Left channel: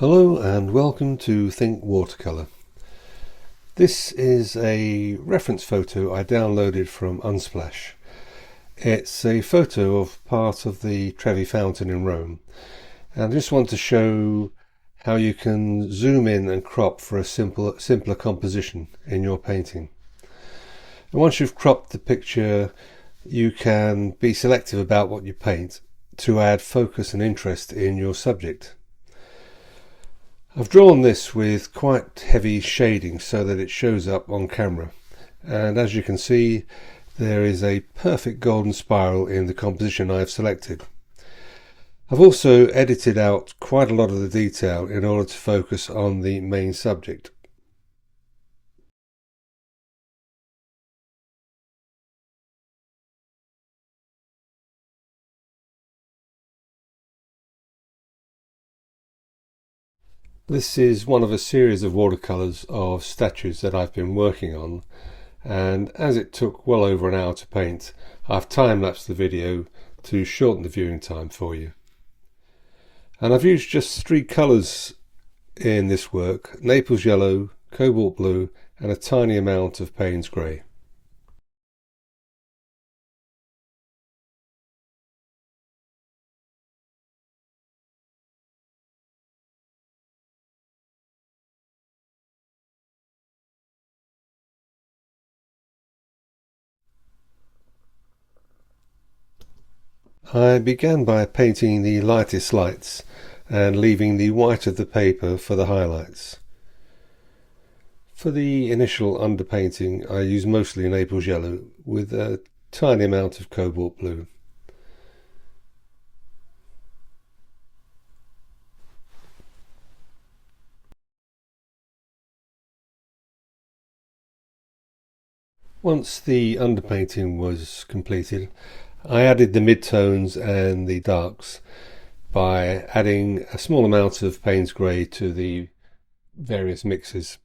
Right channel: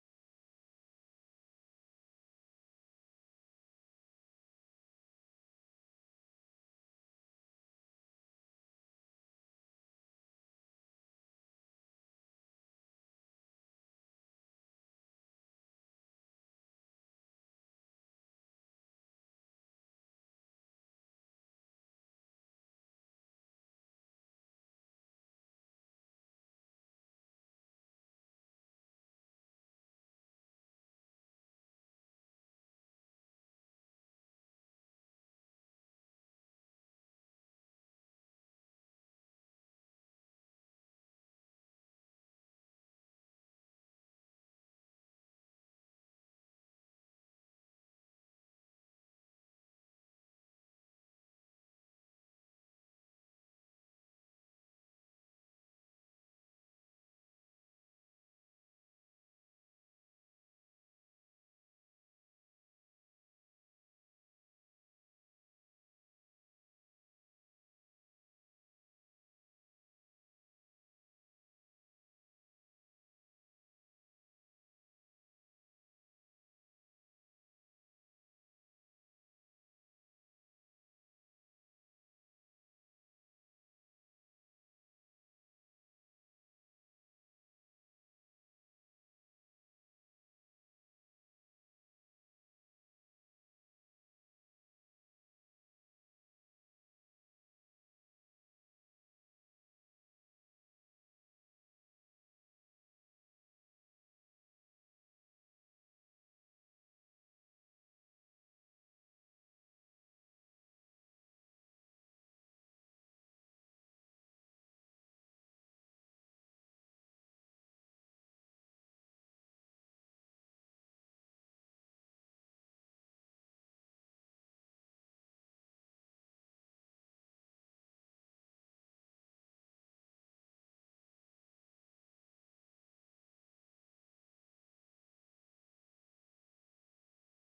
Hello and welcome to Think Watercolour. This is a reference photo I downloaded from Unsplash. It's a photo of part of the Trevi fountain in Rome, and I just want to show how you can zoom in and crop for a simpler composition in your painting. And once you've cropped the picture, you can be selective about what you paint to add focus and interest in your subject. I've drawn this with quite heavy shading so that it shows up on camera, and as you can see there is a perfect golden spiral in the composition I've selected. I've also edited out quite a lot of the detail in order to focus on the main subject. This is one of a series of watercolours of statues that I've been working on, and as it took well over an hour to paint, I've time-lapsed the video to shorten the viewing time for you. And I've used just three colours in this work: Naples yellow, cobalt blue and a tiny amount of Payne's grey. I began by painting the lightest lights and leaving the white of the paper for the highlights. For the initial underpainting I used mostly Naples yellow with a tiny amount of cobalt blue. Once the underpainting was completed, I added the midtones and the darks by adding a small amount of Payne's grey to the various mixes.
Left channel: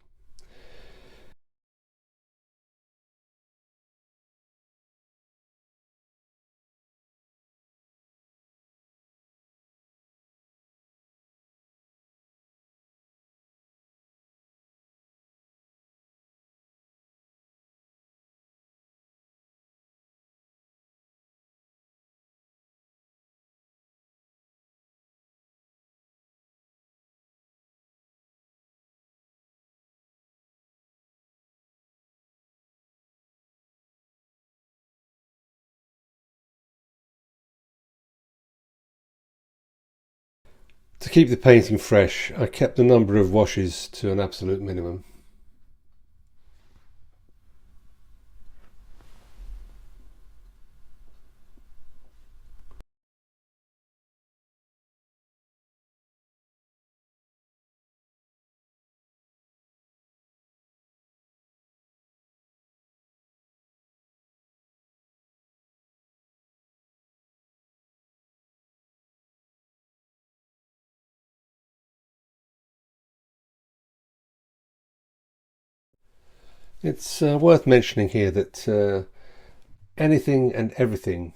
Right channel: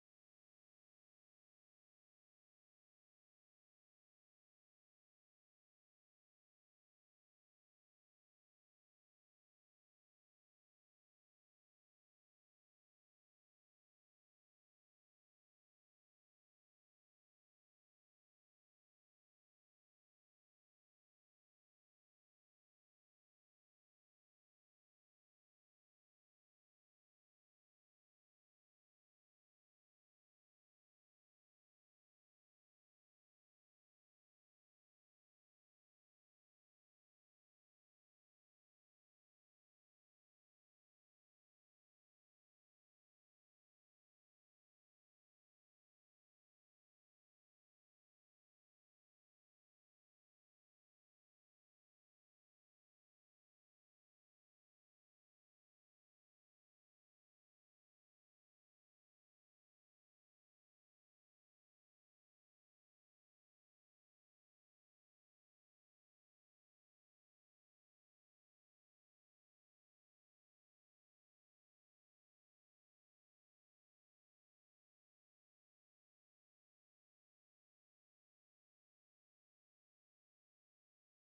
To keep the painting fresh, I kept the number of washes to an absolute minimum. It's worth mentioning here that anything and everything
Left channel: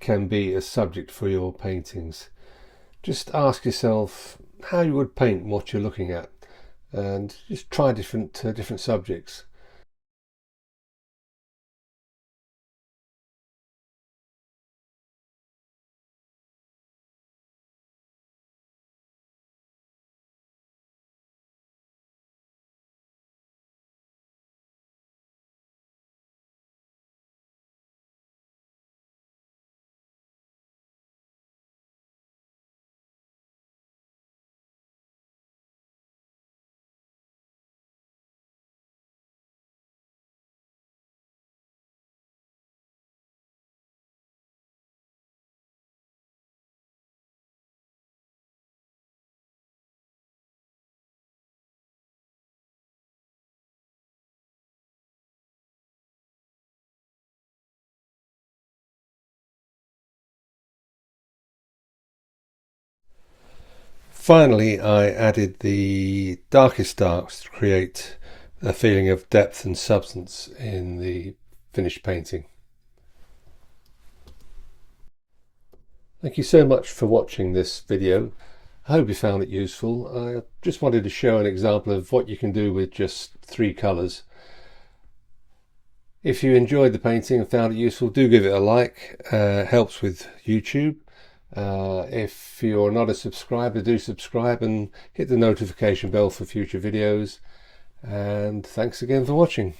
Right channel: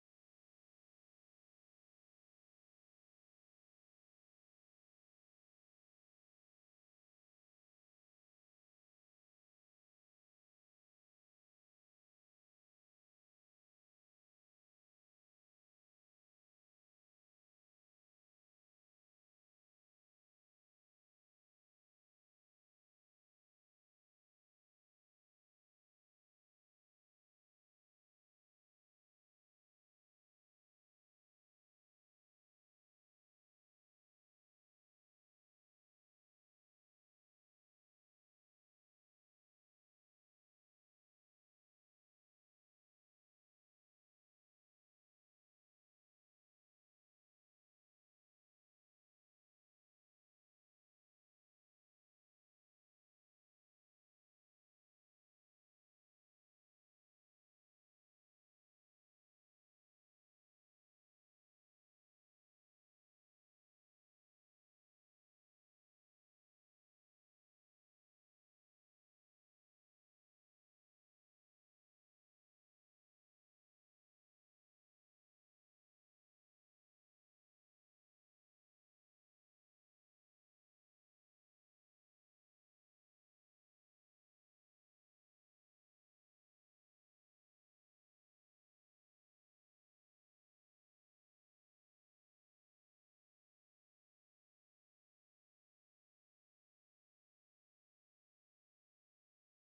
can be a subject for your paintings. Just ask yourself how you would paint what you're looking at, and just try different subjects. Finally, I added the darkest darks to create a feeling of depth and substance in the finished painting. Thank you so much for watching this video. I hope you found it useful. I just wanted to show an example of what you can do with just 3 colours. If you enjoyed the painting and found it useful, do give it a like. It helps with YouTube. If you're not a subscriber, do subscribe and hit the notification bell for future videos. And thanks again for watching.